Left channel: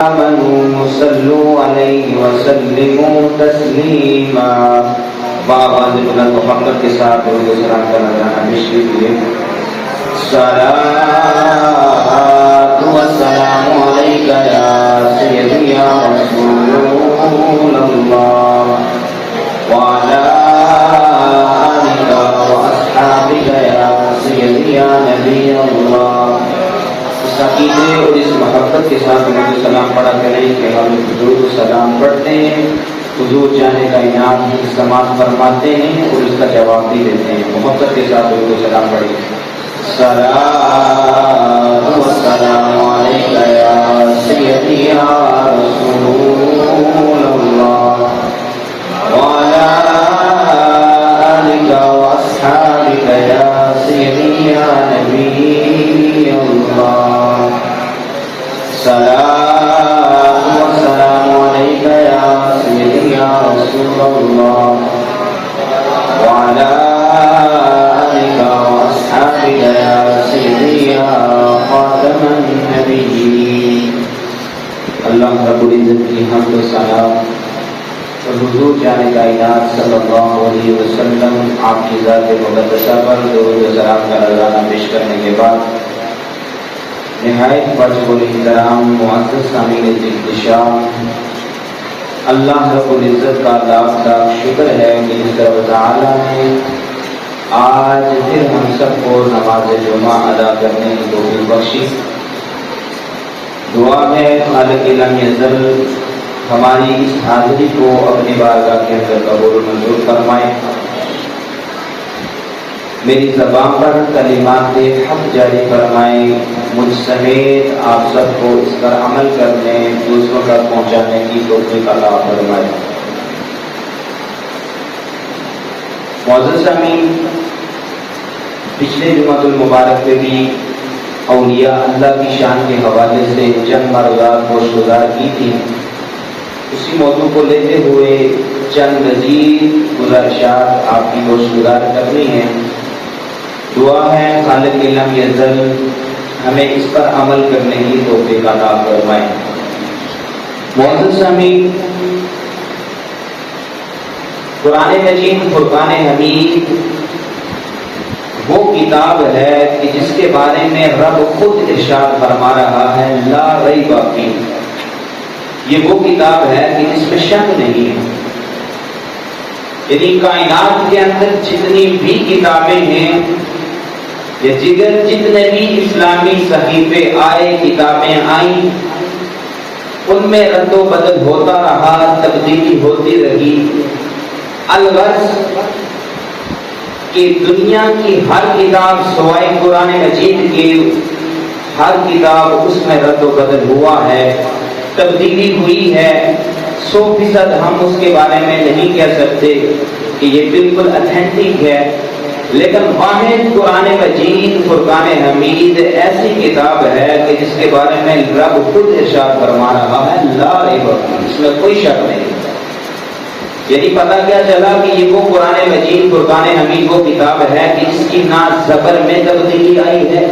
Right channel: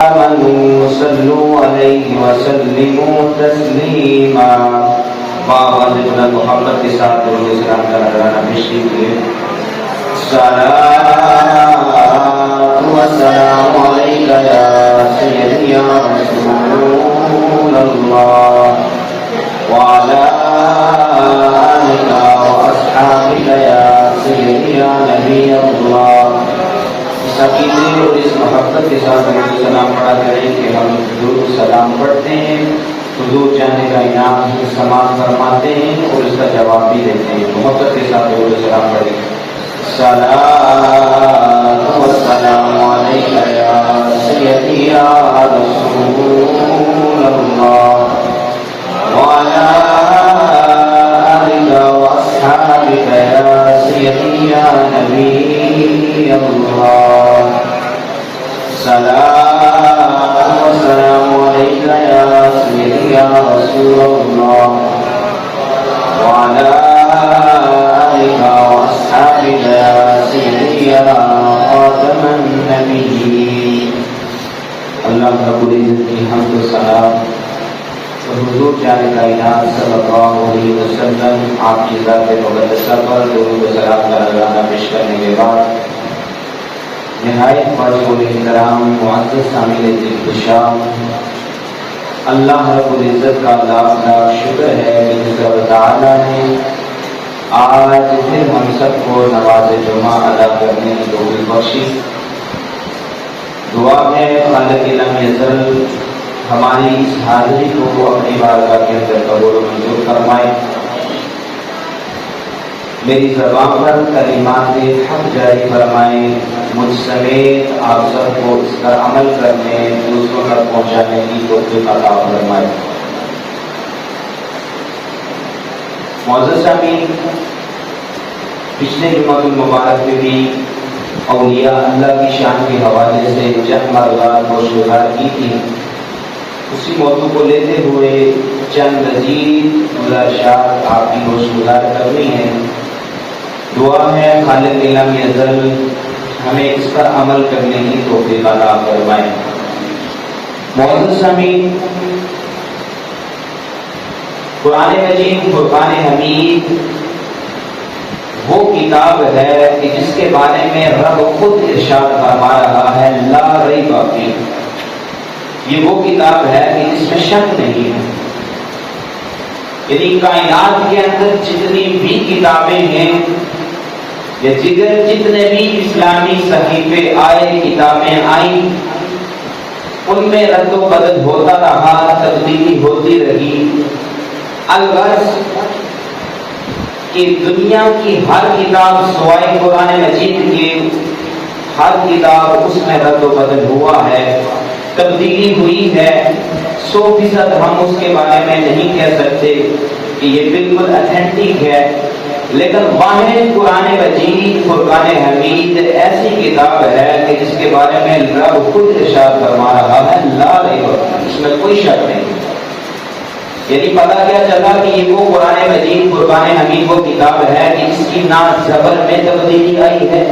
آمنوا صلوا عليه وسلموا تسلیما. بعد محمد کے ساتھ درود و سلام کا نذرانہ پیش کیجیے. صلاۃ و سلام علیک یا سیدی یا رسول اللہ وعلی آلک و اصحابک یا سیدی یا نبی اللہ. اس عقیدے اور اس محبت کے ساتھ درود و سلام پڑھا کریں کہ ہم درود و سلام پڑھتے ہیں، حضور جانے کا انعام سماعت فرماتے ہیں اور اس کا جواب بھی دیتے ہیں. محبت کے ساتھ درود و سلام پڑھیں. صلاۃ و سلام علیک یا سیدی یا رسول اللہ وعلی آلک و اصحابک یا سیدی یا نبی اللہ. صلاۃ و سلام علیک یا سیدی یا رسول اللہ وعلی آلک و اصحابک یا سیدی یا خاتم النبیین. اللہ رب العزت کی حمد و ثنا اور حضور جانے کائنات صلی اللہ علیہ وسلم آپ کی ذات مقدسہ پر درود و سلام کا نذرانہ پیش کرنے کے بعد نہایت واجب الاحترام معزز سامعین احتشام، اللہ رب العزت کا لاکھ لاکھ شکر ہے کہ رب تعالیٰ نے آج پھر ہم سب کو نماز جمعہ ادا کرنے کی توفیق بخشی. دعا ہے خالق لم یزل ہماری اس حاضری کو اپنی بارگاہ کے اندر قبول و منظور فرمائے. میری زبان پر کلمات حق جاری فرمائے. مجھ سمیت آپ سب کو اس پر عمل کرنے، دوسروں تک پہنچانے کی توفیق عطا فرمائے. معزز سامعین، پچھلے جمعہ المبارک میں بھی اولیاء اللہ کی شان کے حوالے سے چند معلومات گوشتگار کی تھی. اسی موضوع کو لیتے ہوئے چند مزید گزارشات آپ کی گوشتگار کرنی ہے. دعا ہے خالق لم یزل ہمیں اس پر عمل کرنے کی توفیق عطا فرمائے. معزز سامعین، قرآن مجید فرقان حمید وہ کتاب ہے کہ جس کے بارے میں رب خود ارشاد فرما رہا ہے لا ریب فیہ. یہ وہ کتاب ہے کہ جس میں شک نہیں ہے. یعنی کائنات کے اندر جتنی بھی کتابیں ہیں یا جتنے بھی اسلامی صحیفے آئے، کتابیں آئیں، ان میں رد و بدل ہوتا رہا، تبدیلی ہوتی رہی. الغرض کہ دنیا کی ہر کتاب سوائے قرآن مجید کی ہر کتاب اس میں رد و بدل ہوا ہے، تبدیلی ہوئی ہے. 100% ہم اس کے بارے میں نہیں کہہ سکتے کہ یہ بالکل اتھینٹک ہے، لیکن واحد قرآن مجید فرقان حمید ایسی کتاب ہے کہ جس کے بارے میں رب خود ارشاد فرما رہا ہے لا ریب فیہ، اس میں کوئی شک نہیں. یعنی پتہ کیا چلا کہ یہ وہ قرآن مجید فرقان حمید وہ کتاب ہے کہ جس کی نہ زبر میں تبدیلی آئی ہے،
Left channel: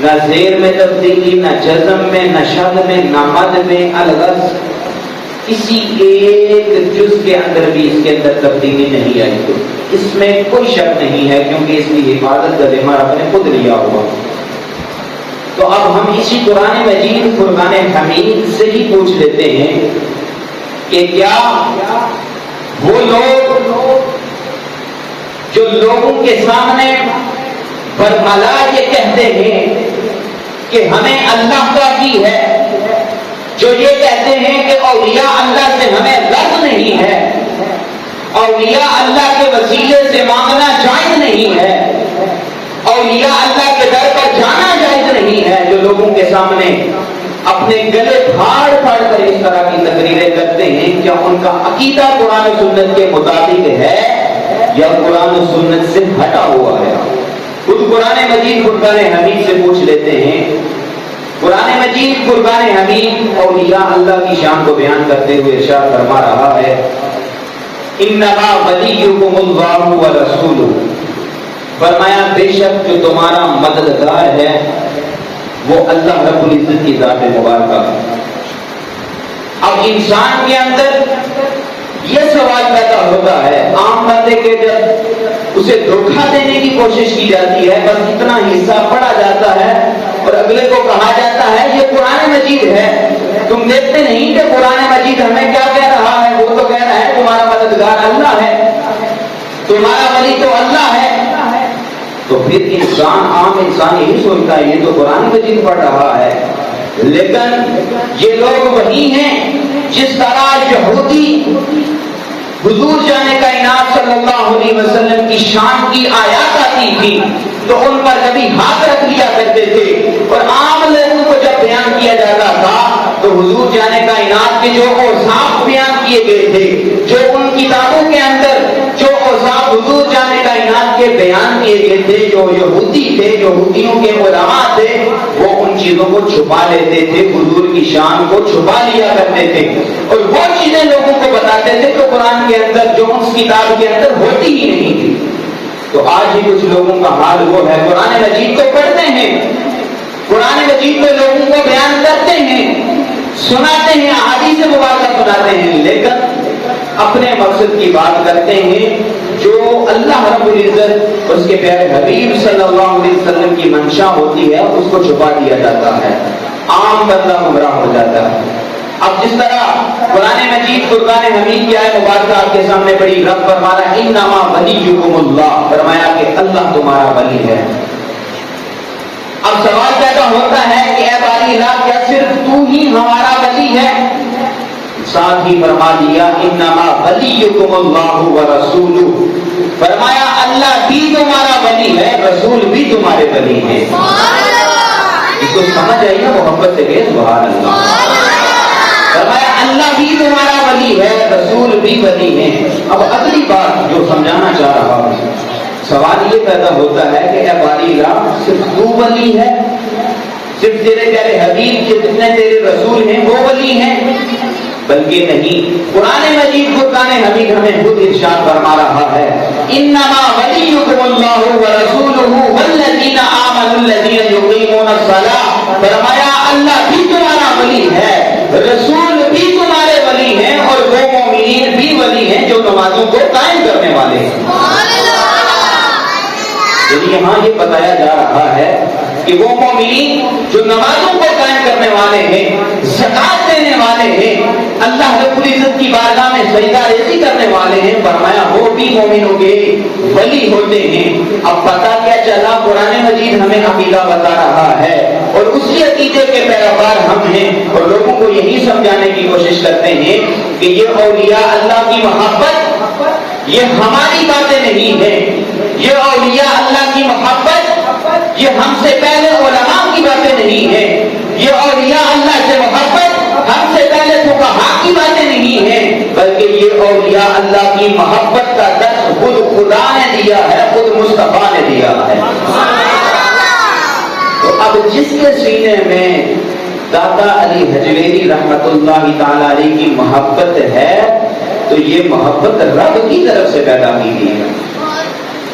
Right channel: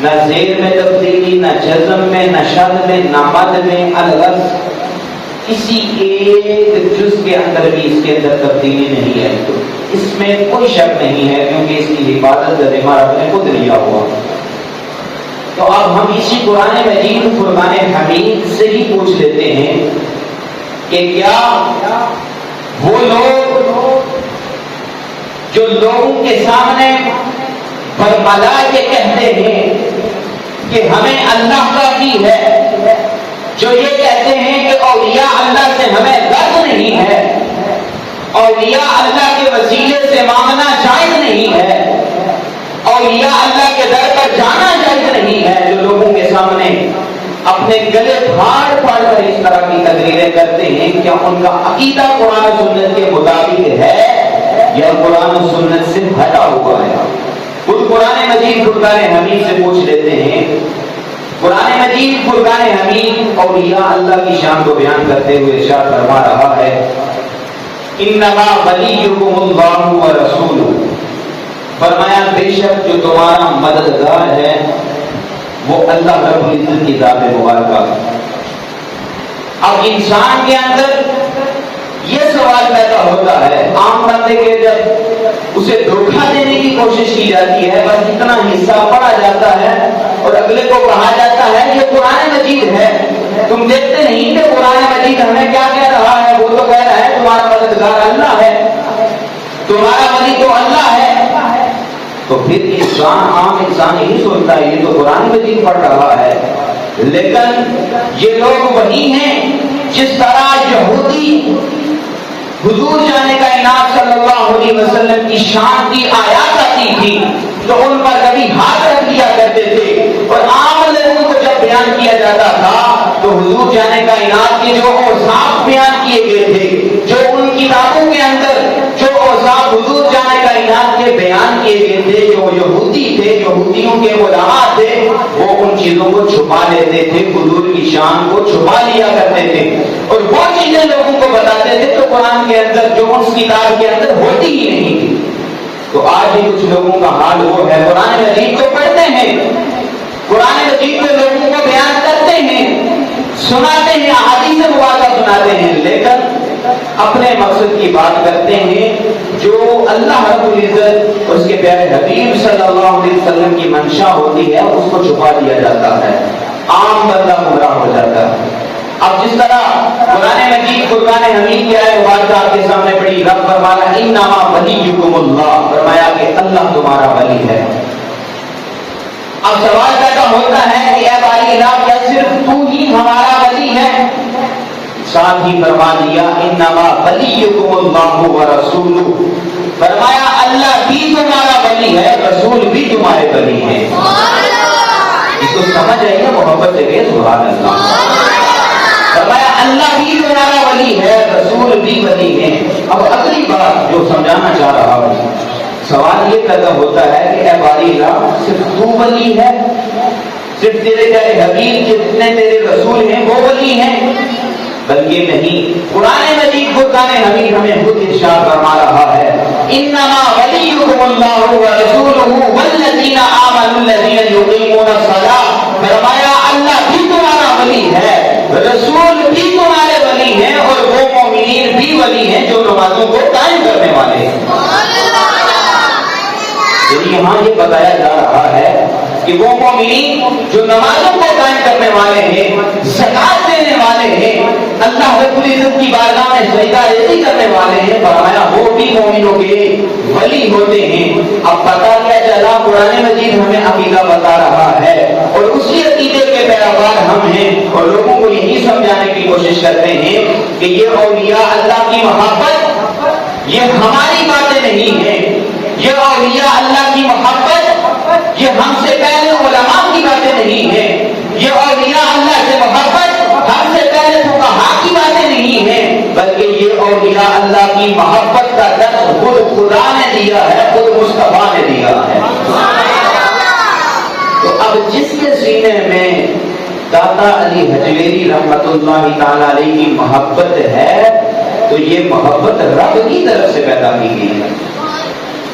نہ زیر میں تبدیلی، نہ جزم میں، نہ شد میں، نہ مد میں. الغرض کسی ایک جز کے اندر بھی اس کے اندر تبدیلی نہیں آئی. اس میں کوئی شک نہیں ہے کیونکہ اس کی حفاظت کا ذمہ رب نے خود لیا ہوا. تو اب ہم اسی قرآن مجید فرقان حمید سے ہی پوچھ لیتے ہیں کہ کیا وہ لوگ جو لوگوں کے سامنے برملا یہ کہتے ہیں کہ ہمیں اللہ کا کی ہے، جو یہ کہتے ہیں کہ اولیاء اللہ سے ہمیں درد نہیں ہے، اولیاء اللہ کے وسیلے سے مانگنا جائز نہیں ہے، اولیاء اللہ کے در پر جانا جائز نہیں ہے، جو لوگوں کے سامنے اپنے گلے پھاڑ پھاڑ کر اس طرح کی تقریریں کرتے ہیں، کیا ان کا عقیدہ قرآن و سنت کے مطابق ہے یا قرآن و سنت سے ہٹا ہوا ہے؟ خود قرآن مجید فرقان حمید سے پوچھ لیتے ہیں. قرآن مجید فرقان حمید اولیاء اللہ کی شان کو بیان کرتے ہوئے ارشاد فرما رہا ہے انما ولیکم اللہ ورسولہ. فرمایا بے شک جو تمہارا مددگار ہے وہ اللہ رب العزت کی ذات مبارکہ. اب انسان کے اندر یہ سوال پیدا ہوتا ہے عام بندے کے جب اسے دھوکہ دینے کی کوشش کی جاتی ہے بس اتنا حصہ پڑھا جاتا ہے اور اگلے کو کہا جاتا ہے یہ قرآن مجید ہے، تم دیکھتے نہیں کہ قرآن مجید ہمیں کیا کہہ رہا ہے؟ وہ تو کہہ رہا ہے تمہارا مددگار اللہ ہے، تمہارا ولی تو اللہ ہے۔ تو پھر انسان عام انسان یہی سوچتا ہے یہ تو قرآن مجید پڑھ رہا ہے، لیکن یہ لوگ وہی ہیں جس طرح یہودی حضور جانے کا انعام صلی اللہ علیہ وسلم کی شان کی آیات آتی تھی تو ان پر کبھی ہاتھ رکھ لیا کرتے تھے، اور عام لوگوں کو جب بیان کیا جاتا تھا تو حضور جانے کا انعام کے جو اوصاف بیان کیے گئے تھے، جو ان کتابوں کے اندر جو اوصاف حضور جانے کا انعام کے بیان کیے گئے تھے، جو یہودی تھے، یہودیوں کے علماء تھے، وہ ان چیزوں کو چھپا لیتے تھے، حضور کی شان کو چھپا لیا کرتے تھے اور وہ چیزیں لوگوں کو بتاتے تھے جو قرآن کے اندر جو اس کتاب کے اندر ہوتی ہی نہیں تھی۔ تو آج بھی کچھ لوگوں کا حال وہ ہے، قرآن مجید کو پڑھتے ہیں، قرآن مجید کو لوگوں کو بیان کرتے ہیں، سناتے ہیں، احادیث مبارکہ سناتے ہیں، لیکن اپنے مقصد کی بات کرتے ہیں جو اللہ رب العزت اس کے پیارے حبیب صلی اللہ علیہ وسلم کی منشا ہوتی ہے اس کو چھپا دیا جاتا ہے، عام بندہ گمراہ ہو جاتا ہے۔ اب جس طرح قرآن مجید فرقان حمید کی آیت مبارکہ آپ کے سامنے پڑھی، رب فرمانا انما ولیکم اللہ، فرمایا کہ اللہ تمہارا ولی ہے۔ اب سوال پیدا ہوتا ہے کہ اے باری الہ کیا صرف تو ہی ہمارا ولی ہے؟ ساتھ ہی فرما دیا انما ولیکم اللہ ورسولہ، فرمایا اللہ بھی تمہارا ولی ہے، رسول بھی تمہارے ولی ہیں۔ اس کو سمجھ آئیے محبت سے کہ سبحان اللہ، فرمایا اللہ بھی تمہارا ولی ہے، رسول بھی ولی ہیں۔ اب اگلی بات جو سمجھانا چاہ رہا ہوں، سوال یہ پیدا ہوتا ہے کہ اے باری الہ صرف تو ولی ہے، صرف تیرے پیارے حبیب جتنے تیرے رسول ہیں وہ ولی ہیں؟ بلکہ نہیں، قرآن مجید فرقان حمید ہمیں خود ارشاد فرما رہا ہے انما ولیکم اللہ ورسولہ والذین آمنوا الذین یقیمون الصلاۃ، فرمایا اللہ بھی تمہارا ولی ہے، رسول بھی تمہارے ولی ہیں، اور وہ مومنین بھی ولی ہیں جو نمازوں کو قائم کرنے والے ہیں۔ یہاں یہ بتایا جا رہا ہے کہ وہ مومنین جو نمازوں کو قائم کرنے والے ہیں، زکات دینے والے ہیں، اللہ رب العزت کی بارگاہ میں سجدہ ریزی کرنے والے ہیں، فرمایا وہ بھی مومنوں کے ولی ہوتے ہیں۔ اب پتہ کیا چلا؟ قرآن مجید ہمیں عقیدہ بتا رہا ہے اور اسی عقیدے کے پیروکار ہم ہیں، اور لوگوں کو یہی سمجھانے کی کوشش کرتے ہیں کہ یہ اولیاء اللہ کی محبت یہ ہماری باتیں نہیں ہیں، یہ اولیاء اللہ کی محبت یہ ہم سے پہلے علماء کی باتیں نہیں ہیں، یہ اولیاء اللہ سے محبت ہم سے پہلے فقہاء کی باتیں نہیں ہیں، بلکہ یہ اولیاء اللہ کی محبت کا درس خود خدا نے دیا ہے، خود مصطفیٰ نے دیا ہے۔ تو اب جس کے سینے میں داتا علی حجویری رحمت اللہ تعالی علیہ کی محبت ہے تو یہ محبت رب کی طرف سے پیدا کی گئی ہے۔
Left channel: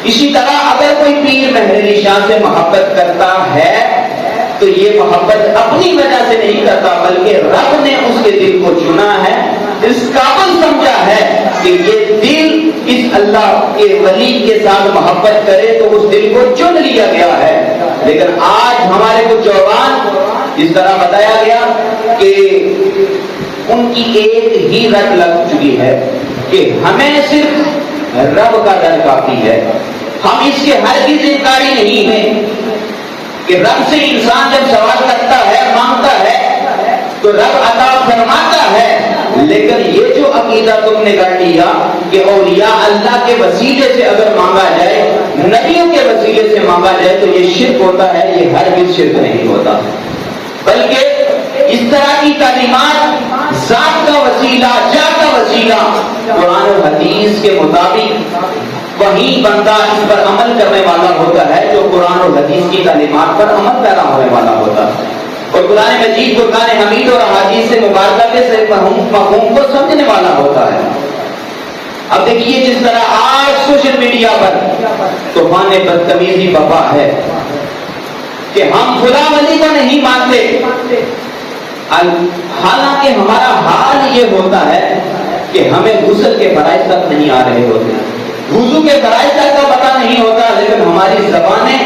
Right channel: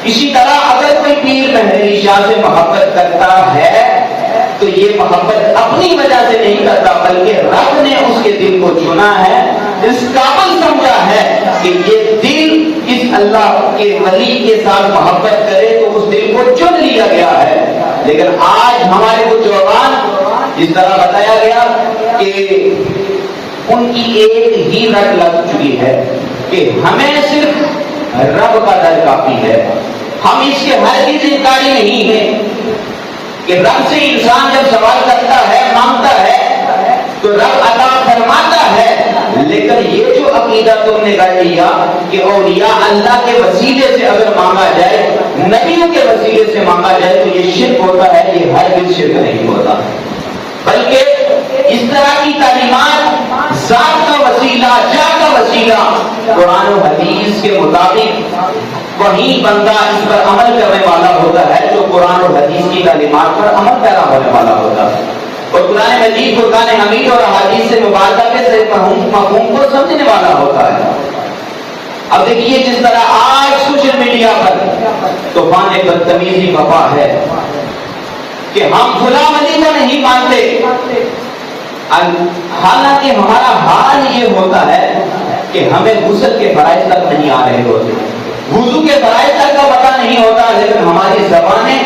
اسی طرح اگر کوئی پیر مہر شاہ سے محبت کرتا ہے تو یہ محبت اپنی وجہ سے نہیں کرتا، بلکہ رب نے اس کے دل کو چنا ہے، اس قابل سمجھا ہے کہ یہ دل اس اللہ کے ولی کے ساتھ محبت کرے تو اس دل کو چن لیا گیا ہے۔ لیکن آج ہمارے کچھ جوان اس طرح بتایا گیا کہ ان کی ایک ہی رٹ لگ چکی ہے کہ ہمیں صرف رب کا ڈر کافی ہے، ہم اس کے ہرگز انکاری نہیں ہیں کہ رب سے انسان جب سوال کرتا ہے، مانگتا ہے تو رب عطا فرماتا ہے، لیکن یہ جو عقیدہ تم نے کر لیا کہ اولیاء اللہ کے وسیلے سے اگر مانگا جائے، نبیوں کے وسیلے سے مانگا جائے تو یہ شرک ہوتا ہے، یہ ہرگز شرک نہیں ہوتا، بلکہ اس طرح کی تعلیمات ذات کا وسیلہ، جا کا وسیلہ قرآن و حدیث کے مطابق وہی بندہ اس پر عمل کرنے والا ہوتا ہے جو قرآن و حدیث کی تعلیمات پر عمل پیرا ہونے والا ہوتا ہے، اور قرآن مجید فرقان حمید اور احادیث سے مبارکہ کے صحیح مفہوم کو سمجھنے والا ہوتا ہے۔ اب دیکھیے جس طرح آج سوشل میڈیا پر طوفان بدتمیزی بپا ہے کہ ہم فلاں ولی کو نہیں مانتے، حالانکہ ہمارا حال یہ ہوتا ہے کہ ہمیں غسل کے فرائض تک نہیں آ رہے ہوتے، وضو کے فرائض تک کا پتہ نہیں ہوتا، لیکن ہماری زبانیں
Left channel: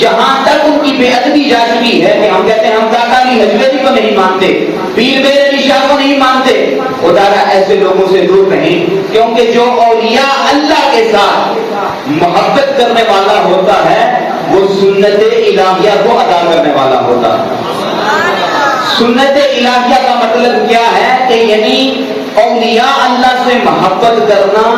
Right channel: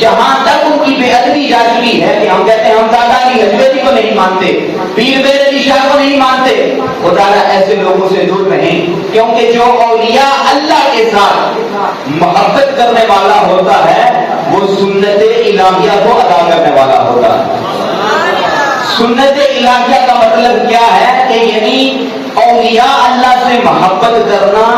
یہاں تک ان کی بے ادبی جا چکی ہے کہ ہم کہتے ہیں ہم دادا علی حجویری کو نہیں مانتے، پیر میر علی شاہ کو نہیں مانتے۔ خدا ایسے لوگوں سے دور رہیں، کیونکہ جو اولیاء اللہ کے ساتھ محبت کرنے والا ہوتا ہے وہ سنت الہیہ کو ادا کرنے والا ہوتا ہے۔ سنت الہیہ کا مطلب کیا ہے کہ یعنی اولیاء اللہ سے محبت کرنا،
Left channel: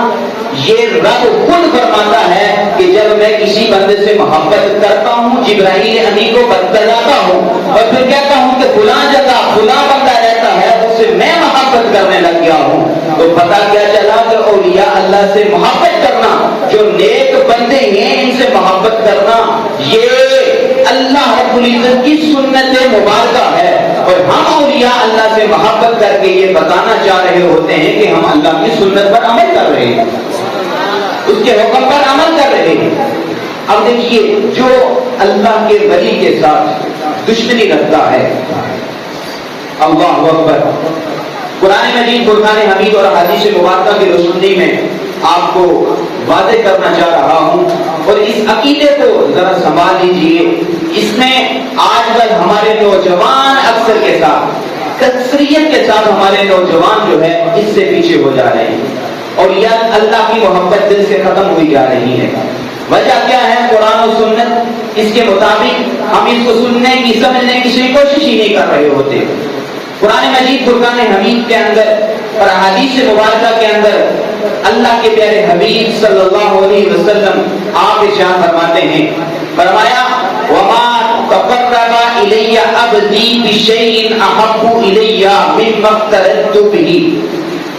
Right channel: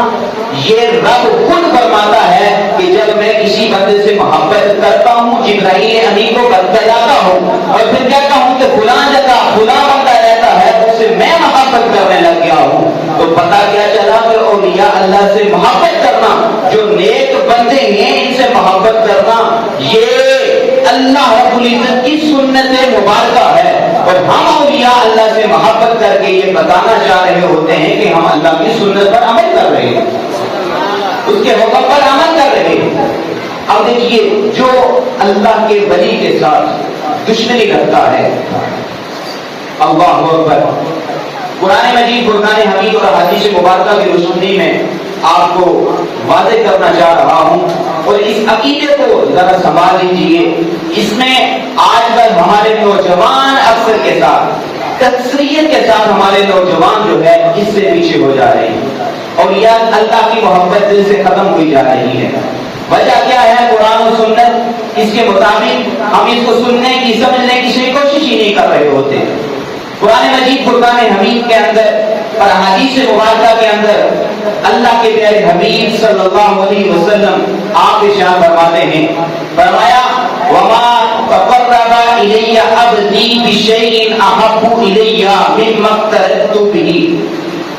یہ رب خود فرماتا ہے کہ جب میں کسی بندے سے محبت کرتا ہوں، جبرائیل امین کو بتلاتا ہوں اور پھر کہتا ہوں کہ فلاں جگہ فلاں بندہ رہتا ہے، اسے میں محبت کرنے لگ گیا ہوں، تو پتہ کیا چلا کہ اولیاء اللہ سے محبت کرنا، جو نیک بندے ہیں ان سے محبت کرنا، یہ اللہ رب العزت کی سنت مبارکہ ہے۔ اور ہم اولیاء اللہ سے محبت کر کے یہ بتانا چاہ رہے ہوتے ہیں کہ ہم اللہ کی سنت پر عمل کر رہے ہیں، اس کے حکم پر عمل کر رہے ہیں۔ اب دیکھیے، جو اللہ کے ولی کے ساتھ دشمنی رکھتا ہے، اللہ اکبر، قرآن مجید فرقان حمید اور حدیث مبارکہ کی روشنی میں آپ کو واضح کرنا چاہ رہا ہوں، اور اس عقیدے کو ذرا سنبھال لیجیے۔ اس میں آج کل ہمارے نوجوان اکثر کے ساتھ، اکثریت کے ساتھ ہمارے نوجوان جو ہے اس سے پیچھے ہو جا رہے ہیں، اور یہ اللہ کی محبت دل سے ختم ہوئی جا رہی ہے۔ وجہ کیا ہے؟ قرآن و سنت، اس کے مطابق ہم اس کو سننے کی سمجھنے کی کوشش ہی نہیں کر رہے ہوتے۔ قرآن مجید فرقان حمید کے اندر اور حدیث مبارکہ کے اندر اللہ کے پیارے حبیب صلی اللہ علیہ وسلم آپ ارشاد فرماتے ہیں، فرمایا وما تقرب الی عبدی بشیء احب الی مما افترضت بہ،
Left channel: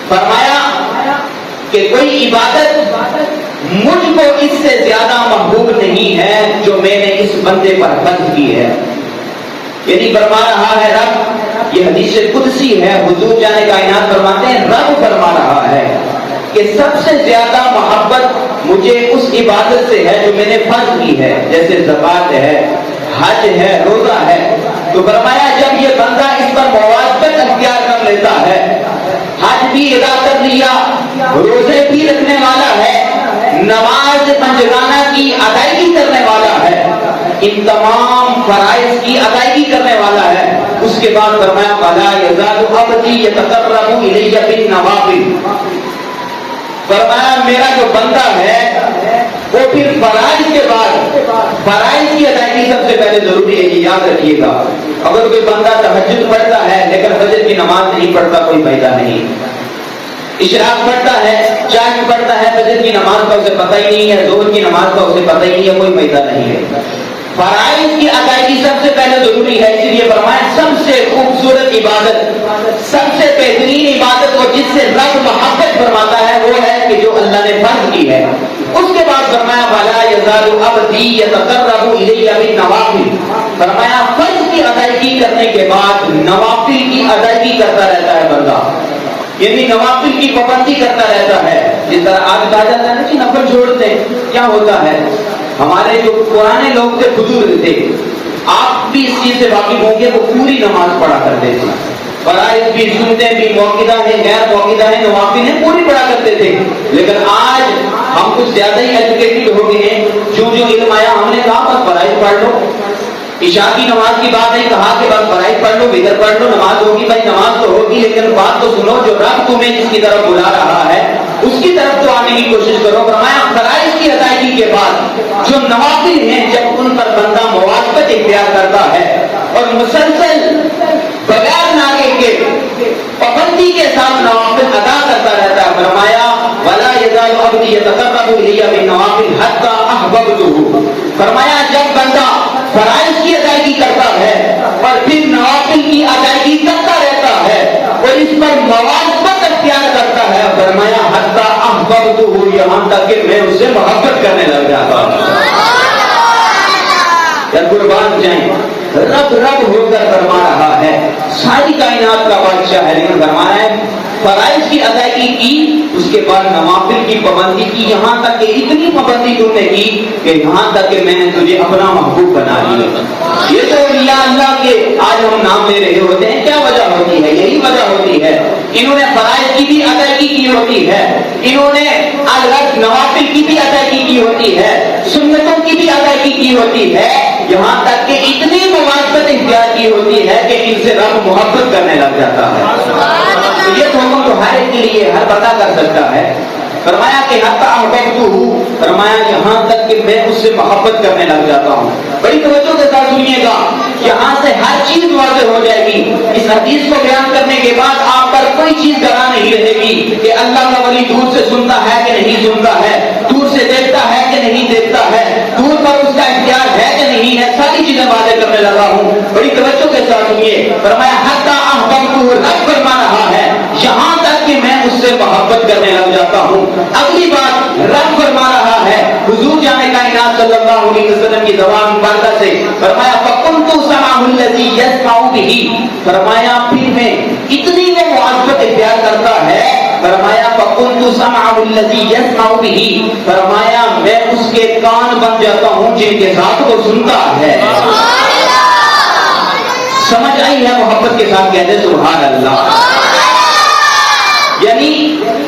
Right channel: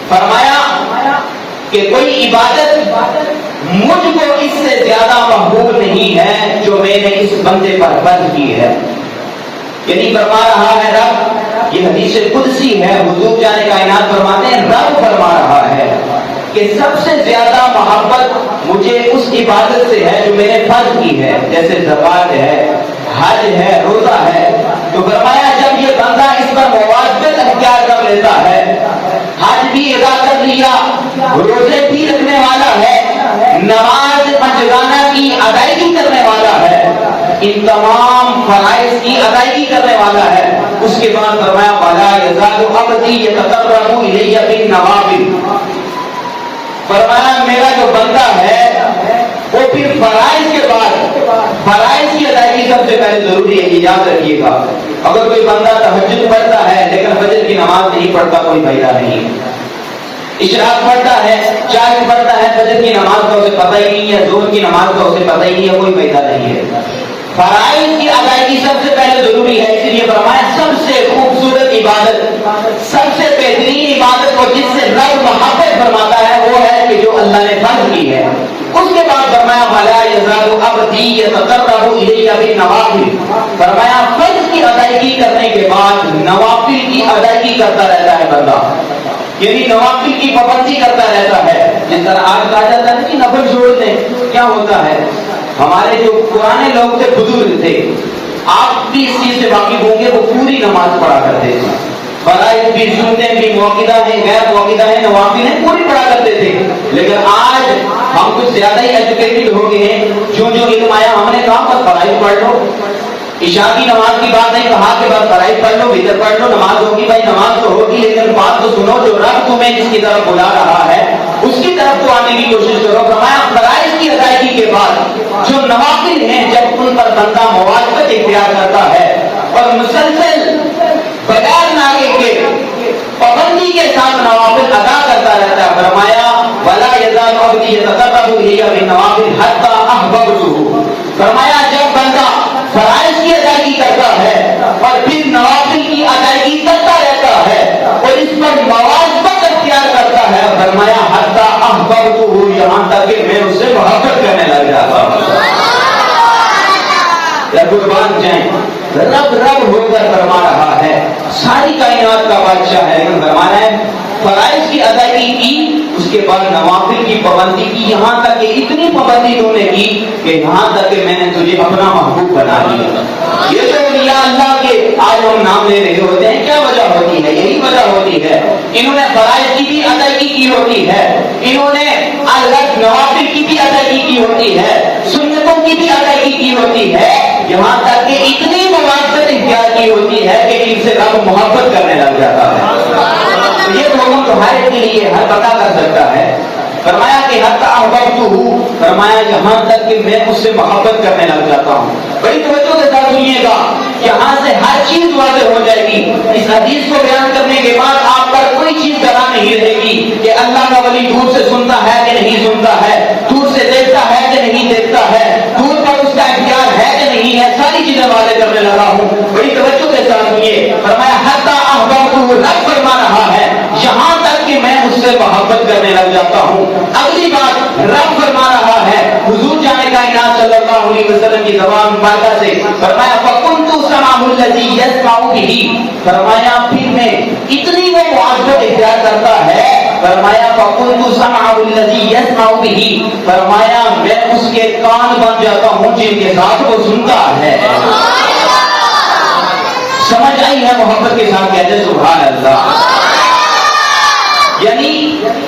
فرمایا کہ کوئی عبادت مجھ کو اس سے زیادہ محبوب نہیں ہے جو میں نے اس بندے پر فرض کی ہے۔ یعنی فرما رہا ہے رب، یہ حدیث قدسی ہے، حضور جانے کائنات فرماتے ہیں، رب فرما رہا ہے کہ سب سے زیادہ محبت مجھے اس عبادت سے ہے جو میں نے فرض کی ہے، جیسے زکوٰۃ ہے، حج ہے، روزہ ہے۔ تو فرمایا جب یہ بندہ اس پر مواظبت اختیار کر لیتا ہے، حج بھی ادا کر لیا، روزے بھی رکھنے والا ہے، نماز پنجگانہ کی ادائیگی کرنے والا ہے، ان تمام فرائض کی ادائیگی کرنے والا ہے، اس کے بعد فرمایا وَلَا يَزَالُ عَبْدِي يَتَقَرَّبُ إِلَيَّ بِالنَّوَافِلِ، فرمایا میرا جو بندہ ہے وہ پھر فرائض کے بعد، فرائض کی ادائیگی سب سے پہلے ضروری ہے، یہ یاد رکھیے گا۔ اگر کوئی بندہ تہجد پڑھتا ہے لیکن فجر کی نماز نہیں پڑھتا، کوئی فائدہ نہیں۔ اشراق پڑھتا ہے، چاند پڑھتا ہے، فجر کی نماز کا اسے پتہ ہی نہیں ہے، ظہر کی نماز کا اسے پتہ ہی نہیں ہے، کوئی فائدہ نہیں ہے۔ فرائض کی ادائیگی سب سے پہلے ضروری ہے، اسی لیے فرمایا سب سے خوبصورت عبادت، سب سے بہترین عبادت کو جس سے رب محبت فرماتا ہے وہ ہے کہ جو اللہ نے فرض کی ہے۔ اس کے بعد فرمایا وَلَا يَزَالُ عَبْدِي يَتَقَرَّبُ إِلَيَّ بِالنَّوَافِلِ، فرمایا فرض کی ادائیگی کرنے کے بعد نوافل کی ادائیگی کرتا رہتا ہے بندہ، یعنی نوافل کی پابندی کرتا رہتا ہے۔ جس طرح آج کہا جاتا ہے کہ نفل چھوڑ دیں، کیا ہوتا ہے؟ ہمارے جو پرانے لوگ تھے، بزرگ تھے، آپ بھی اس چیز سے واقف ہوں گے، وہ پوری نماز پڑھا کرتے تھے، فرائض بھی، سنتیں بھی، موقعہ ہے، غیر موقعہ ہے، نوافل ہیں، پوری پڑھا کرتے تھے۔ لیکن آج ہم کچھ زیادہ ہی ایجوکیٹڈ ہو گئے ہیں، جو علم آیا ہم نے کہا بس فرائض پڑھ لو، عشاء کی نماز کی بات نہیں، کہا کہ بس فرائض پڑھ لو، وتر پڑھ لو، نماز ہوگی، بھائی نماز تو ہوگی، لیکن بات تو سنو، جو رب تمہیں جس کی طرف بلا رہا ہے اس کی طرف تو آنے کی کوشش کرو۔ فرمایا فرائض کی ادائیگی کے بعد جو نوافل ہیں، جب ان پر بندہ مواظبت اختیار کرتا ہے اور مسلسل بغیر ناغے کے پابندی کے ساتھ نوافل ادا کرتا رہتا ہے، فرمایا وَلَا يَزَالُ عَبْدِي يَتَقَرَّبُ إِلَيَّ بِالنَّوَافِلِ حَتَّى أَحْبَبْتُهُ، فرمایا جب بندہ فرائض کی ادائیگی کرتا ہے اور پھر نوافل کی ادائیگی کرتا رہتا ہے اور اس پر مواظبت اختیار کرتا ہے، فرمایا حَتَّى أَحْبَبْتُهُ، یہاں تک کہ میں اس سے محبت کرنے لگ جاتا ہوں۔ یا قربان جائیں، رب رب ہو کر فرما رہا ہے، ساری کائنات کا بادشاہ ہے، لیکن فرمانا ہے فرائض کی ادائیگی کی، اس کے بعد نوافل کی پابندی کی، یہاں تک کہ اتنی پابندی تم نے کی کہ یہاں تک کہ میں نے تجھے اپنا محبوب بنا لیا۔ یہ تو اولیاء اللہ کے آج ہم نام لے رہے ہوتے ہیں، کیا وجہ ہوتی ہے، یہی وجہ ہوتی ہے. انہوں نے فرائض کی بھی ادائیگی کی ہوتی ہے، انہوں نے الگ نوافل کی بھی ادائیگی کی ہوتی ہے، سنتوں کی بھی ادائیگی کی ہوتی ہے، یہاں تک کہ اتنی مواقعت اختیار کی ہوتی ہے کہ ان سے رب محبت کرنے لگ جاتا ہے. یہ دونوں تو ہر ایک کے لیے ہر پتا کر سکتا ہے. فرمایا کہ حتی احببتہ، فرمایا یہاں تک کہ میں اس سے محبت کرنے لگ جاتا ہوں. بڑی توجہ کے ساتھ سنیے گا، یہاں سے ہر چیز واضح ہو جائے گی. اس حدیث کو بیان کرنے کے بعد آپ پر کوئی چیز گواہ نہیں رہے گی کہ اللہ کا ولی دور سے سنتا ہے کہ نہیں سنتا ہے، دور سے دیکھتا ہے کہ نہیں دیکھتا ہے، دور پر اس کا اختیار ہے کہ نہیں ہے. ساری چیزیں واضح کرنے لگا ہوں. بڑی توجہ کے ساتھ سنیے. فرمایا حتی احببتہ، رب فرما رہا ہے یہاں تک کہ میں اس سے محبت کرنے لگ جاتا ہوں. اگلی بات رب فرما رہا ہے حضور جانے کائنات صلی اللہ علیہ وسلم کی زبان مبارکہ سے، فرمایا فَكُنْتُ سَمْعَهُ الَّذِي يَسْمَعُ بِهِ، فرمایا پھر میں اتنی وہ معذرت اختیار کرتا ہے. فرمایا فَكُنْتُ سَمْعَهُ الَّذِي يَسْمَعُ بِهِ، فرمایا میں اس کے کان بن جاتا ہوں جن کے ساتھ وہ سنتا ہے. سمجھ آئی ہے؟ محبت کے ساتھ کہتے سبحان اللہ. یعنی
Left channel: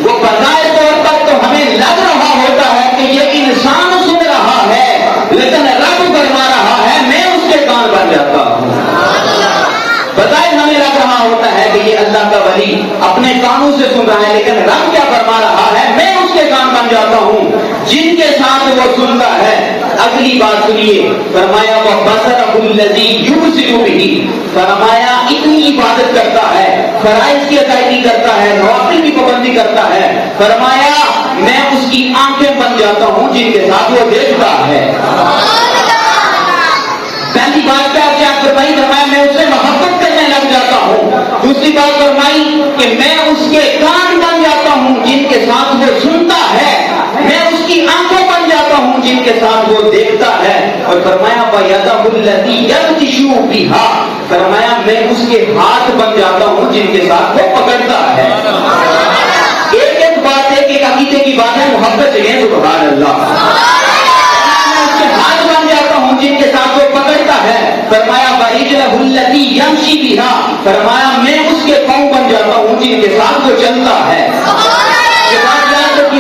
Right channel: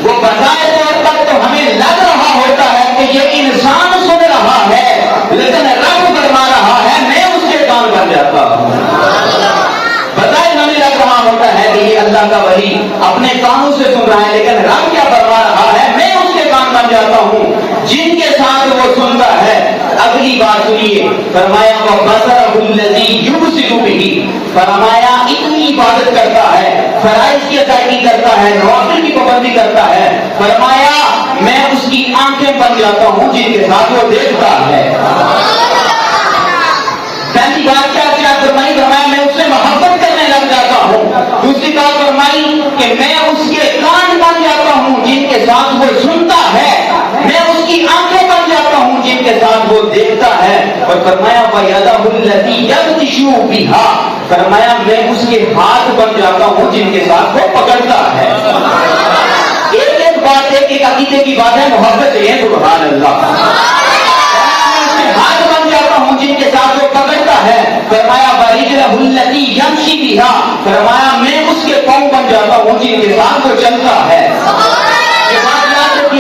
وہ بظاہر طور پر تو ہمیں لگ رہا ہوتا ہے کہ یہ انسان سن رہا ہے، لیکن رب فرما رہا ہے میں اس کے کان بن جاتا ہوں. بظاہر ہمیں لگ رہا ہوتا ہے کہ یہ اللہ کا ولی اپنے کانوں سے سن رہا ہے، لیکن رب کیا فرما رہا ہے میں اس کے کان بن جاتا ہوں جن کے ساتھ وہ سنتا ہے. اگلی بات سنیے. فرمایا وہ بصرہ الذی یبصر بہ، فرمایا اتنی عبادت کرتا ہے، فرائض کی ادائیگی کرتا ہے، نوافل کی پابندی کرتا ہے. فرمایا میں اس کی آنکھیں بن جاتا ہوں جن کے ساتھ وہ دیکھتا ہے. پہلی بات کیا فرمائی؟ فرمایا میں اس سے محبت کرنے لگ جاتا ہوں. دوسری بات فرمائی کہ میں اس کے کان بن جاتا ہوں جن کے ساتھ وہ سنتا ہے، میں اس کی آنکھیں بن جاتا ہوں جن کے ساتھ وہ دیکھتا ہے. اور فرمایا وَيَدَهُ الَّتِي يَبْطِشُ بِهَا، فرمایا میں اس کے ہاتھ بن جاتا ہوں جن کے ساتھ وہ پکڑتا ہے. ایک ایک بات ہے کہ عقیدے کی بات ہے، محبت ہے سبحان اللہ. میں اس کے ہاتھ بن جاتا ہوں جن کے ساتھ وہ پکڑتا ہے. فرمایا وَرِجْلَهُ الَّتِي يَمْشِي بِهَا، فرمایا میں اس کے پاؤں بن جاتا ہوں جن کے ساتھ وہ چلتا ہے.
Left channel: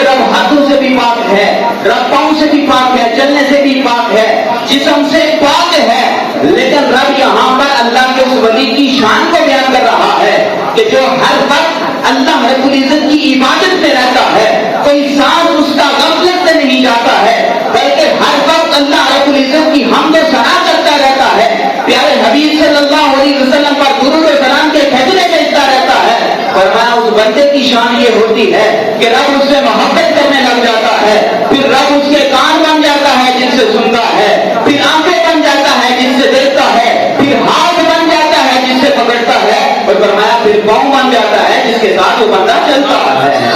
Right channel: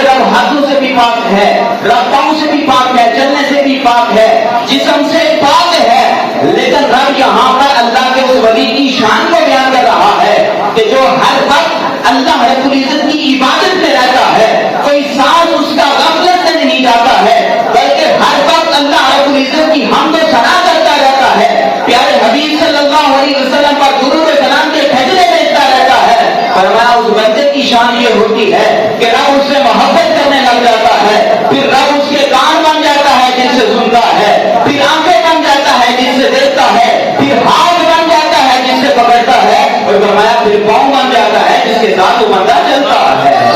رب ہاتھوں سے بھی پاک ہے، رب پاؤں سے بھی پاک ہے، چلنے سے بھی پاک ہے، جسم سے پاک ہے. لیکن رب یہاں پر اللہ کے اس ولی کی شان کو بیان کر رہا ہے کہ جو ہر وقت اللہ رب العزت کی عبادت میں رہتا ہے، کوئی سانس اس کا غفلت سے نہیں جاتا ہے، بلکہ ہر وقت اللہ رب العزت کی حمد و ثنا کرتا رہتا ہے، پیارے حبیب صلی اللہ علیہ وسلم پر درود و سلام کے بھیجتے بھیجتا رہتا ہے. فرمایا اس بندے کی شان یہ ہوتی ہے کہ رب اس سے محبت کرنے لگ جاتا ہے، پھر رب اس کے کان بن جاتا ہے جن سے سنتا ہے، پھر آنکھیں بن جاتا ہے جن سے دیکھتا ہے، پھر ہاتھ بن جاتا ہے جس سے پکڑتا ہے، اور فرمایا پھر پاؤں بن جاتا ہے جس کے ساتھ وہ بندہ چلتا ہے.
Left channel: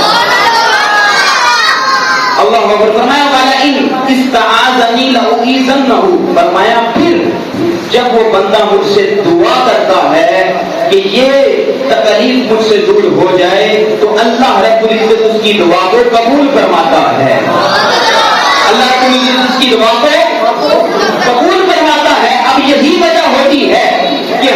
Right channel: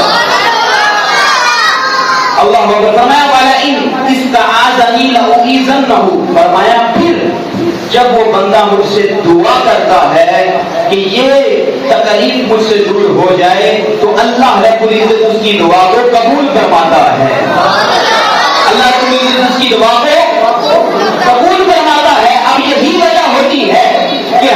اللہ اکبر. فرمایا وَلَئِنْ اسْتَعَاذَنِي لَأُعِيذَنَّهُ، فرمایا پھر جب وہ بندہ مجھ سے دعا کرتا ہے کہ یہ تکلیف مجھ سے دور ہو جائے تو اللہ رب العزت اس کی دعا کو قبول فرماتا ہے. اللہ رب العزت اس کی دعا کو قبول فرماتا ہے. اب یہی وجہ ہوتی ہے کہ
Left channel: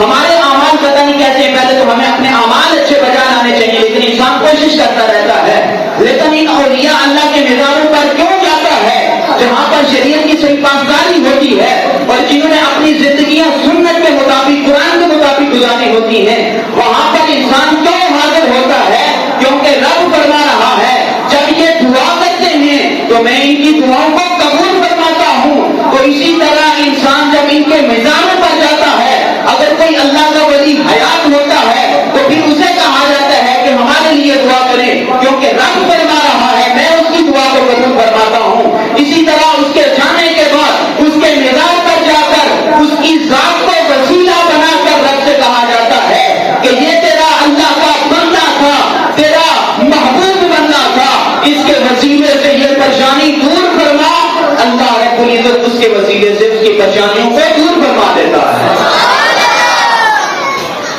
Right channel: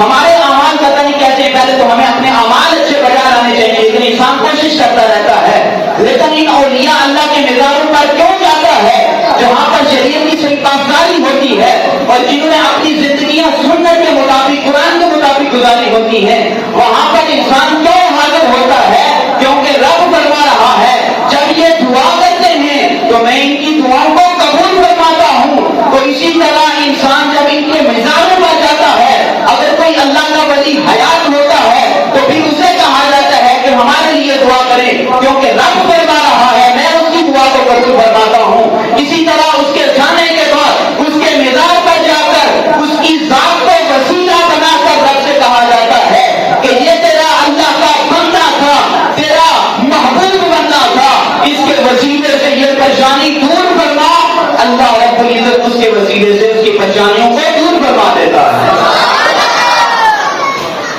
ہمارے اعمال پتہ نہیں کیسے، پہلے تو ہمیں اپنے اعمال اچھے بجا لانے چاہیے، لیکن انسان کوشش کرتا رہتا ہے. لیکن ان اولیاء اللہ کے نظام پر کیوں جاتا ہے جہاں پر شریعت کی صحیح پاسداری ہوتی ہے اور جنہوں نے اپنی زندگیاں سنت کے مطابق قرآن کے مطابق گزاری ہوتی ہیں، وہاں پر انسان کیوں حاضر ہوتا ہے؟ کیونکہ رب فرما رہا ہے جب یہ دعا کرتے ہیں تو میں ان کی دعاؤں کو قبول فرماتا ہوں. تو اسی طرح انسان جب ان کے مزاجوں پر جاتا ہے، اگر کوئی اللہ کا ولی حیات ہوتا ہے تو پھر اسے کہا جاتا ہے کہ ہمارے لیے دعا کرے، کیونکہ رب فرما رہا ہے میں اس کی دعا کو قبول فرماتا ہوں. اسی طرح اس کے جانے کے بعد اس کے مزاج پر جا کر اس کی ذات کو وسیلہ بنا کر رب سے کہا جاتا ہے کہ یہ تیرا اللہ کا بندہ تھا، تیرا محبوب بندہ تھا، اس کے وسیلے سے یہ پریشانی دور فرما. اللہ رب العزت اس کے وسیلے سے اس کی پریشانیوں کو دور فرما دیتا ہے.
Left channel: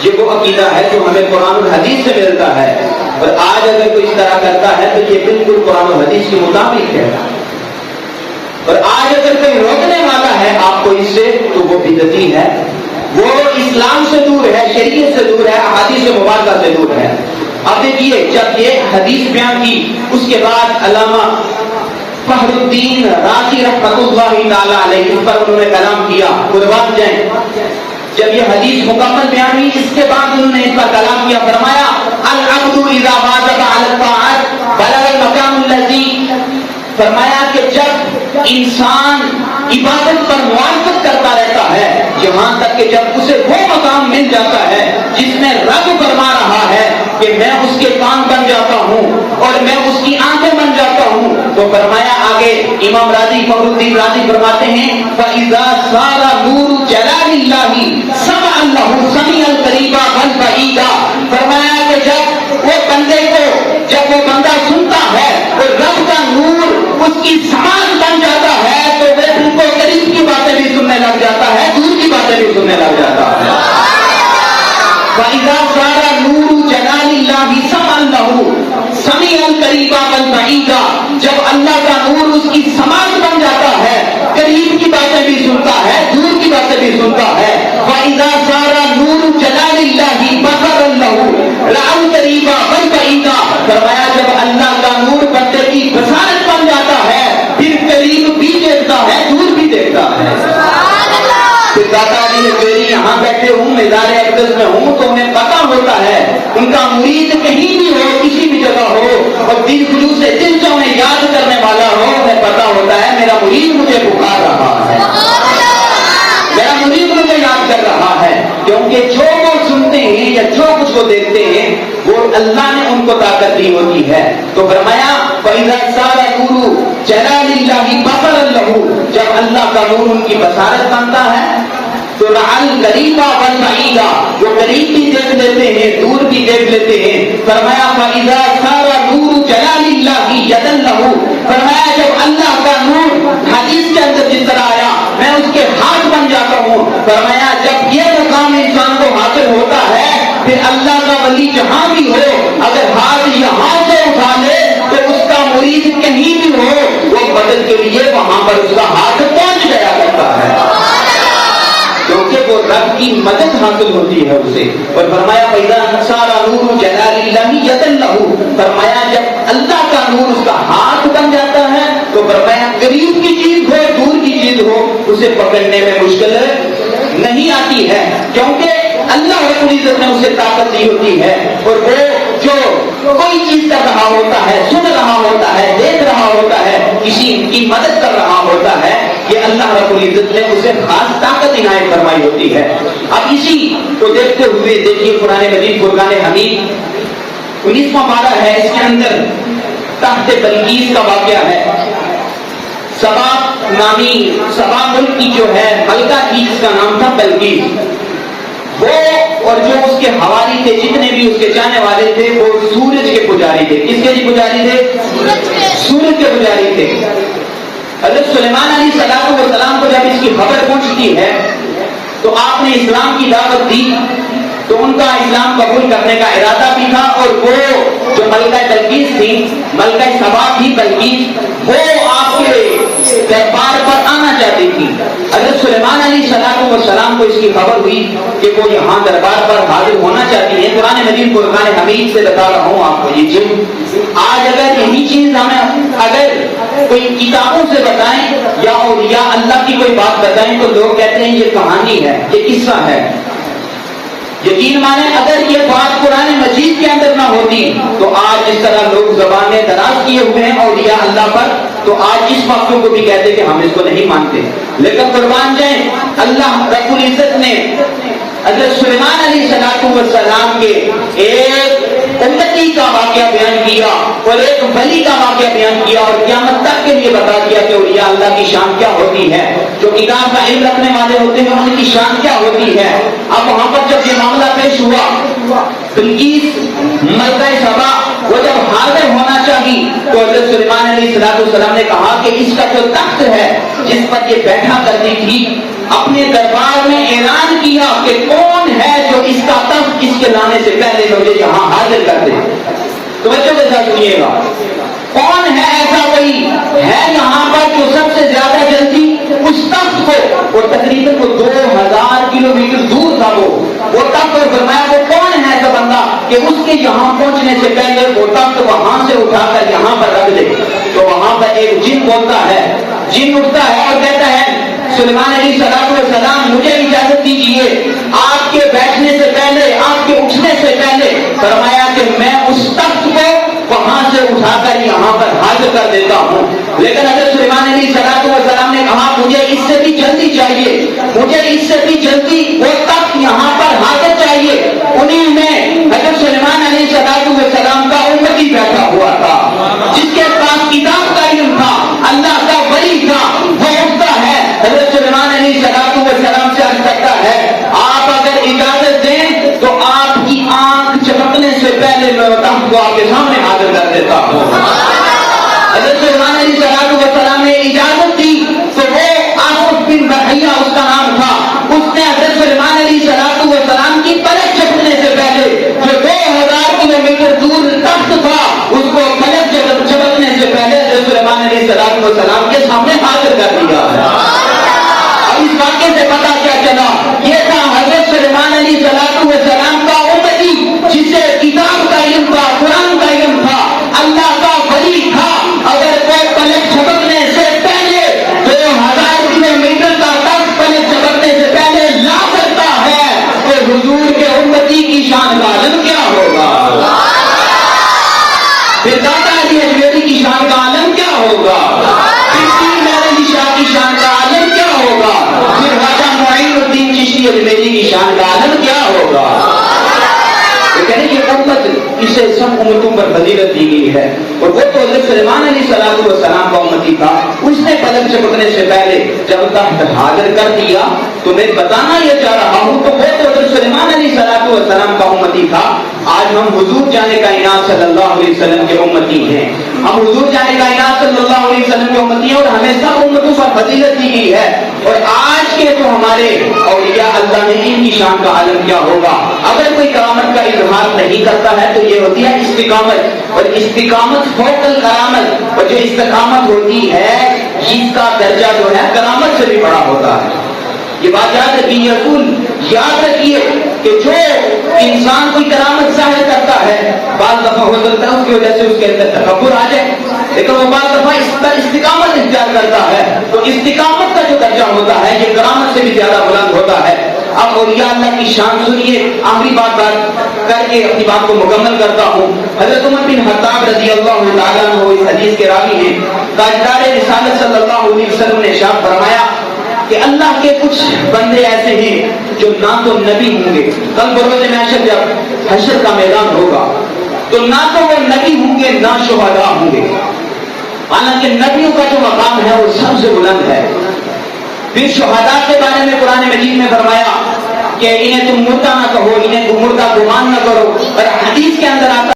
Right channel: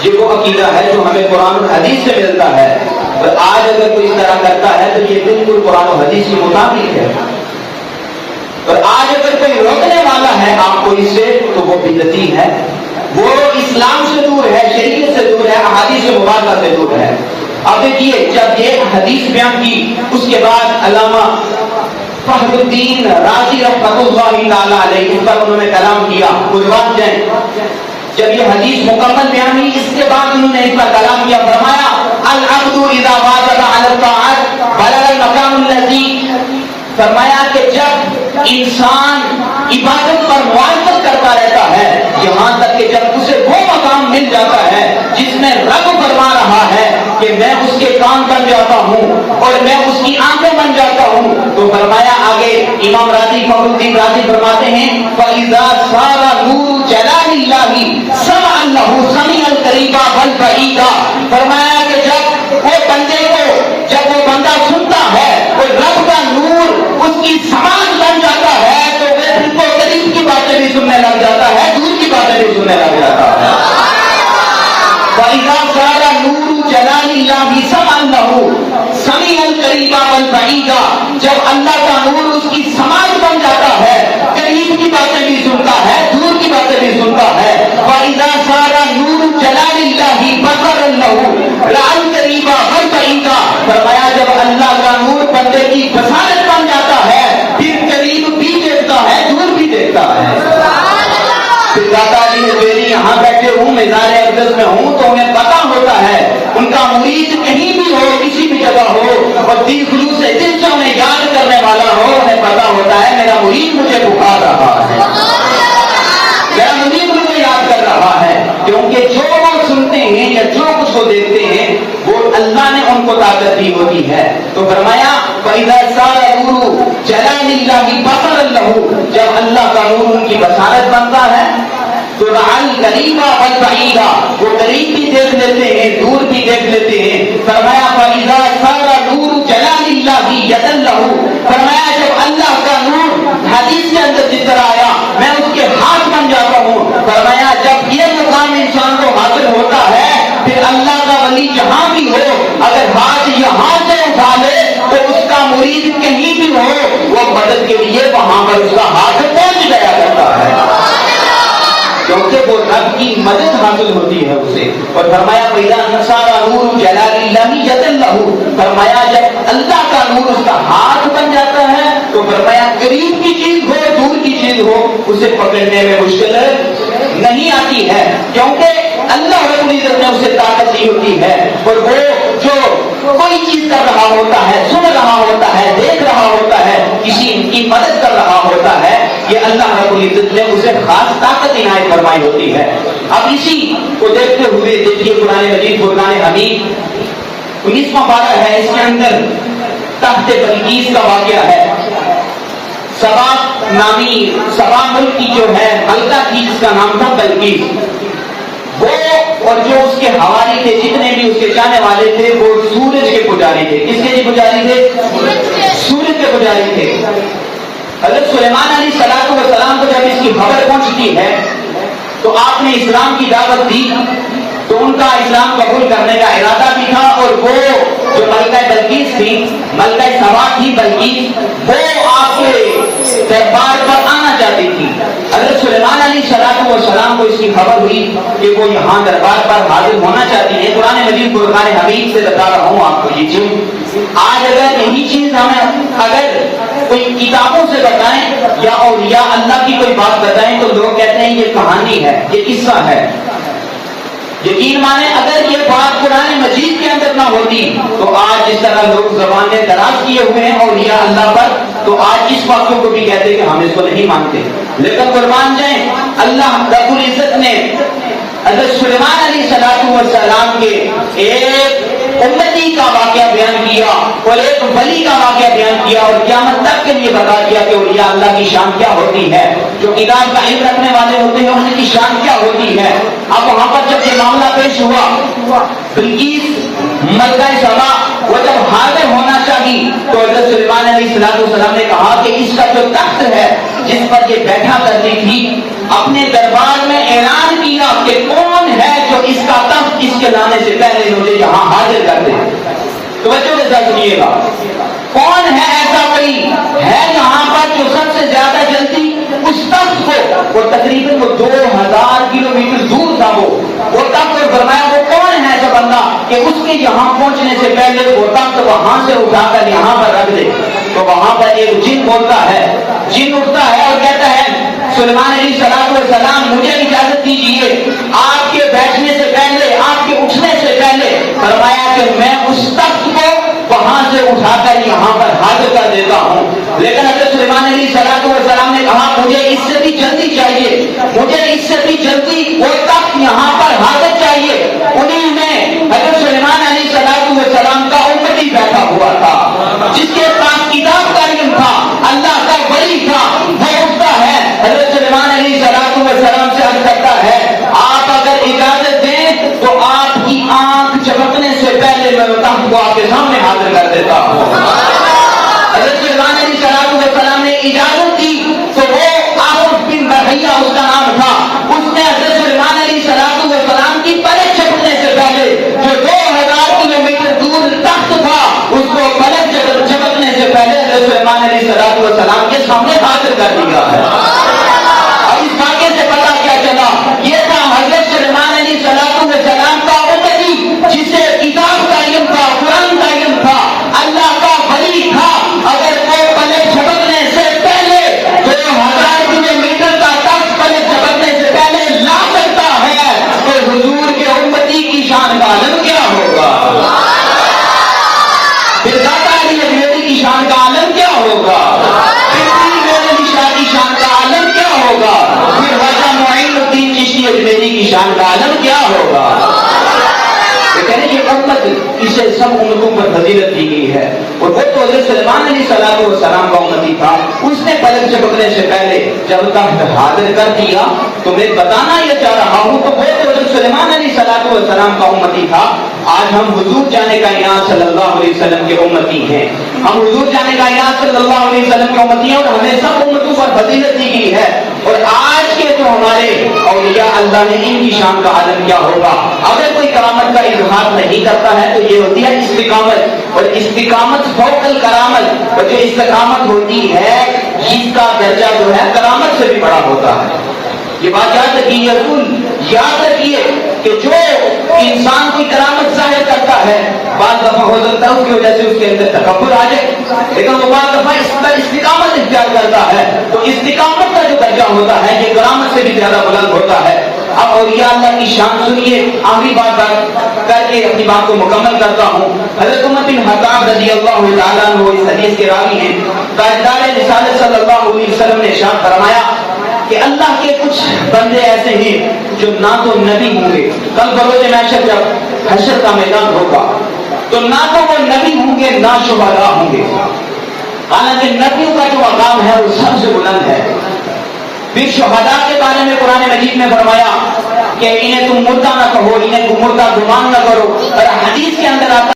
یہ وہ عقیدہ ہے جو ہمیں قرآن و حدیث سے ملتا ہے. اور آج اگر کوئی اس طرح کرتا ہے تو یہ بالکل قرآن و حدیث کے مطابق ہے. اور آج اگر کوئی روکنے والا ہے آپ کو اس سے تو وہ بدعتی ہے. وہ اسلام سے دور ہے، شریعت سے دور ہے، احادیث مبارکہ سے دور ہے۔ اب دیکھیے جب یہ حدیث بیان کی اس کے بعد علامہ فخر الدین رازی رحمۃ اللہ تعالی علیہ اس پر انہوں نے کلام کیا، قربان جائیں۔ جب یہ حدیث مکمل بیان ہوئی اس کے بعد انہوں نے اس پر کلام کیا، فرمایا العبد اذا واظب على الطاعات بلغ المقام الذي، فرمایا کہ جب انسان عبادت پر مواظبت کرتا رہتا ہے یہاں تک کہ جب اسے وہ مقام مل جاتا ہے جس میں رب فرما رہا ہے کہ میں اس کے کان بن جاتا ہوں اور میں اس کی آنکھیں بن جاتا ہوں، تو فرمایا آگے امام راضی فخر الدین رازی فرماتے ہیں فَإِذَا صَارَ نُورُ جَلَالِ اللَّهِ سَمْعًا لَهُ سَمِيعًا قَرِيبًا بَلْ بَعِيدًا، فرمایا کہ جب وہ بندے کو، جب وہ بندہ سنتا ہے وہ رب کا نور اس کی زبان بن جاتا ہے تو وہ ان کو قریب کی باتیں بھی سننے لگ جاتا ہے، دور کی باتیں بھی سننے لگ جاتا ہے۔ فَإِذَا صَارَ نُورُ جَلَالِ اللَّهِ سَمْعًا لَهُ سَمِيعًا قَرِيبًا بَلْ بَعِيدًا، جب اللہ کا نور اس کی سماعت بن جاتا ہے قریب کی باتیں بھی سنتا ہے، دور کی باتیں بھی سنتا ہے۔ وَإِذَا صَارَ نُورُ جَلَالِ اللَّهِ بَصَرًا لَهُ رَأَى قَرِيبًا بَلْ بَعِيدًا، فرمایا جب اللہ کا نور بندے کی بصارت بن جاتا ہے پھر قریب بھی دیکھتا ہے، دور بھی دیکھتا ہے۔ پھر دادا جی میری یہاں بیٹھے ہوں، مزار اقدس میں ہوں تو ہمیں پتا ہوتا ہے ان کا مرید کہیں بھی ہو، کسی بھی جگہ ہو اور دل خلوص سے دل سے انہیں یاد کرنے والا ہو، ہمیں پتا ہوتا ہے میرا مرید مجھے پکار رہا ہے، میرا مرید مجھے یاد کر رہا ہے، کیونکہ جو وہ سنتے ہیں یا جو کچھ وہ دیکھتے ہیں وہ اللہ نے ان کو طاقت دی ہوتی ہے۔ تو فرمایا فَإِذَا صَارَ نُورُ جَلَالِ اللَّهِ بَصَرًا لَهُ، جب اللہ کا نور ان کی بصارت بنتا ہے تو رَأَى الْقَرِيبَ وَالْبَعِيدَ، وہ قریب بھی دیکھ لیتے ہیں، دور بھی دیکھ لیتے ہیں۔ فرمایا فَإِذَا صَارَ نُورُ جَلَالِ اللَّهِ يَدًا لَهُ، فرمایا جب اللہ کا نور حدیث کے اندر جس طرح آیا میں اس کے ہاتھ بن جاتا ہوں، فرمایا جب یہ مقام انسان کو حاصل ہوتا ہے پھر اللہ کا ولی جہاں بھی ہو اگر ہاتھ یہاں سے اٹھا لے تو اس کا مرید کہیں بھی ہو وہ مدد کے لیے وہاں پر اس کا ہاتھ پہنچ گیا کرتا ہے، کیونکہ وہ رب کی مدد حاصل ہوتی ہے اسے۔ اور فرمایا فَإِذَا صَارَ نُورُ جَلَالِ اللَّهِ يَدًا لَهُ، فرمایا جب اللہ کا نور اس کا ہاتھ بن جاتا ہے تو فرمایا قریب کی چیز ہو دور کی چیز ہو اسے پکڑنے میں مشکل نہیں آتی ہے، کیونکہ اللہ رب العزت نے اسے طاقت دی ہوتی ہے، اور وہ جو کوئی چیز کر رہا ہوتا ہے، سن رہا ہوتا ہے، دیکھ رہا ہوتا ہے، کسی کی مدد کر رہا ہوتا ہے، یہ اللہ رب العزت نے اسے خاص طاقت عنایت فرمائی ہوتی ہے۔ اب اسی کو دیکھتے ہوئے دیکھیے قرآن مجید فرقان حمید 19واں پارہ ہے، اس کے اندر تحت بلقیس کا واقعہ ہے۔ سبا نامی سبا ملک کی جو ہے ملکہ تھی جس کا نام تھا بلقیس، وہ اور جو اس کے حوالی تھے جتنے بھی اس کے جانے والے تھے وہ سورج کے پجاری تھے۔ کس کے پجاری تھے؟ سورج کے پجاری تھے۔ حضرت سلیمان علیہ السلام کو جب اس کی خبر پہنچتی ہے تو آپ نے اسلام کی دعوت دی تو ان کا اسلام قبول کرنے کا ارادہ بھی تھا، اور وہ جو ملکہ بلقیس تھی، ملکہ سبا تھی بلقیس، وہ آپ کے دربار پر آنا چاہتی تھی۔ حضرت سلیمان علیہ السلام کو اس کی خبر ہوئی کہ وہ یہاں دربار پر حاضر ہونا چاہتی ہیں۔ قرآن مجید فرقان حمید سے بتا رہا ہوں آپ کو یہ چیز، آج اگر یہی چیز ہمیں اگر کوئی کتابوں سے بتائیں یا اولیاء اللہ کی کوئی بات بتائیں تو لوگ کہتے ہیں یہ کہانی ہے، یہ قصہ ہے۔ یقین مانیں اگر یہ بات قرآن مجید کے اندر نہ ہوتی تو آج جس طرح لوگ زبانیں دراز کیے ہوئے ہیں اولیاء اللہ پر، تو آج اس واقعوں کو بھی کہتے کہ ہم اس کو نہیں مانتے۔ لیکن قربان جائیں اللہ رب العزت نے حضرت سلیمان علیہ السلام کے ایک امتی کا واقعہ بیان کیا اور ایک ولی کا واقعہ بیان کیا اور قیامت تک کے لیے بتا دیا کہ اولیاء اللہ کی شان کیا ہوتی ہے، جو کتاب کا علم رکھنے والے ہوتے ہیں ان کی شان کیا ہوتی ہے۔ اب وہاں پر جب یہ معاملہ پیش ہوا بلقیس ملکہ سبا وہ جب حاضر ہونا چاہی تو حضرت سلیمان علیہ السلام نے کہا کہ اس کا جو تخت ہے جس پر یہ بیٹھا کرتی تھی اپنے دربار میں اعلان کیا کہ کون ہے جو اس کا تخت اس کے لانے سے پہلے مجھے یہاں حاضر کر دے۔ تو بچوں کے ساتھ سنیے گا، کون ہے ایسا کوئی ہے یہاں پر جو سب سے زیادہ جلدی اس تخت کو، وہ تقریباً 2000 کلومیٹر دور وہ تخت اور فرمایا وہ کون ہے ایسا بندہ کہ اس کے یہاں پہنچنے سے پہلے وہ تخت وہاں سے اٹھا کر یہاں پر رکھ دے. تو وہاں پر ایک جن بولتا ہے, جن اٹھتا ہے اور کہتا ہے سلیمان علیہ السلام مجھے اجازت دیجیے آپ کے بیٹھنے سے پہلے, آپ کے اٹھنے سے پہلے. فرمایا کہ میں اس تخت کو وہاں سے اٹھا کر یہاں پر حاضر کر دیتا ہوں. لیکن حضرت سلیمان علیہ السلام نے کہا مجھے اس سے بھی جلدی چاہیے, مجھے اس سے بھی جلدی وہ تخت یہاں پر حاضر چاہیے. انہیں میں حضرت سلیمان علیہ السلام کا امتی بیٹھا ہوا تھا جس کے پاس کتاب کا علم تھا, اللہ کا ولی تھا. وہ اٹھتا ہے حضرت سلیمان علیہ السلام سے عرض کرتا ہے آپ اگر اجازت دیں تو آپ کی آنکھ چمکنے سے پہلے میں تخت کو آپ کے سامنے حاضر کر دیتا ہوں. حضرت سلیمان علیہ السلام نے اجازت دی تو وہ آصف بن برحیہ اس کا نام تھا, اس نے حضرت سلیمان علیہ السلام کی پلک جھپکنے سے پہلے جو 2000 کلومیٹر دور تخت تھا اس کو پلک جھپکنے سے پہلے حضرت سلیمان علیہ السلام کے سامنے حاضر کر دیا. اب اس واقعے سے پتا کیا چلا, یہ تھا حضرت سلیمان علیہ السلام کا امتی جسے کتاب کا علم تھا, قرآن کا علم تھا, اللہ کا ولی تھا. اگر کوئی پلک جھپکنے سے پہلے 2000 کلومیٹر کا تخت پلک جھپکنے سے پہلے لا سکتا ہے تو حضور کے امتی کی شان کا عالم کیا ہوگا, پھر داتا علی اجمیری کی شان کا عالم کیا ہوگا, کی شان کا عالم کیا ہوگا, پھر خواجہ معین الدین چشتی اجمیری کی شان کا عالم کیا ہوگا. یہ امت اسے سب امتوں پر فضیلت دی گئی ہے. اور وہ تو حضرت سلیمان علیہ السلام کا امتی تھا, اس نے پلک جھپکنے سے پہلے جب تخت حاضر کر دیا. تو میں بتانا یہ چاہ رہا ہوں تو وہ تو حضرت سلیمان علیہ السلام کا امتی تھا. آج ہم حضور جانے کائنات صلی اللہ علیہ وسلم کے امتی ہیں, ہم حضور جانے کائنات صلی اللہ علیہ وسلم کے امتی ہیں اور ہمیں سب امتوں پر فضیلت دی گئی ہے. اور آج کے تو ہمارے اولیاء اللہ نے ان کی شان کا عالم کیا ہوگا. اگر کوئی کرامت کا اظہار نہیں کرتا ہے تو یہ ہوتی ہے استقامت, اور استقامت فوق الکرامت, اور جو استقامت ہوتی ہے اس کا درجہ جو ہے کرامت سے بھی بڑا ہوتا ہے. یہ بات یاد رکھیے, رسول یاد رکھیے کہ جو انسان کوئی کرامت ظاہر کرتا ہے بعض دفعہ ہو سکتا ہے اس کی وجہ سے اس کے اندر تکبر آ جائے, لیکن وہ بعض دفعہ اس پر استقامت اختیار کرتا ہے تو استقامت کا جو درجہ ہوتا ہے یہ کرامت سے بھی زیادہ بلند ہوتا ہے. اب اولیاء اللہ کی شان سنیے, آخری بات کر کے اپنی بات کو مکمل کرتا ہوں. حضرت عمر بن خطاب رضی اللہ تعالیٰ عنہ اس حدیث کے راوی ہیں, تاجدار رسالت صلی اللہ علیہ وسلم نے ارشاد فرمایا کہ اللہ کے کچھ بندے ایسے ہیں جو نہ تو نبی ہوں گے, کل بروز محشر جب حشر کا میدان ہوگا تو نہ تو وہ نبی ہوں گے نہ شہداء ہوں گے, حالانکہ نبیوں کا جو مقام ہے وہ سب سے بلند ہے. پھر شہداء کے بارے میں قرآن مجید نے فرمایا کہ انہیں تم مردہ نہ کہو, انہیں تم مردہ گمان نہ کرو, اور حدیث کے اندر آتا